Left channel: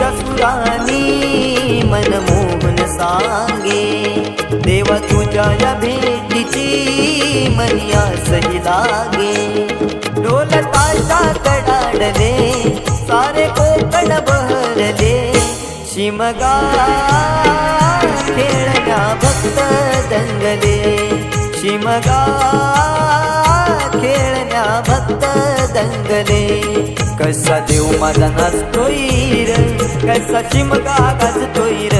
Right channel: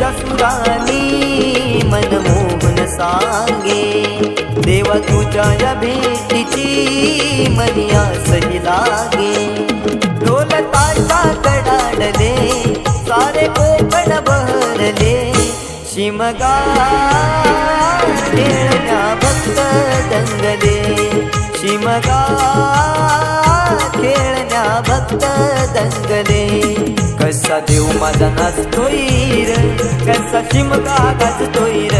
तुझ्या सुरानी मनमोहन सांगे, देवा तुझ्या या भेटीची मनी आसही लागे। ढोल ताशा कडाडले सारे कोकण बहरले, शिमगा खेळण्या भक्त दंगले, शिमगा खेळण्या भक्त दंगले। कसा देव माझा नाचतोय र, कसा शिमगा गाजतोय र,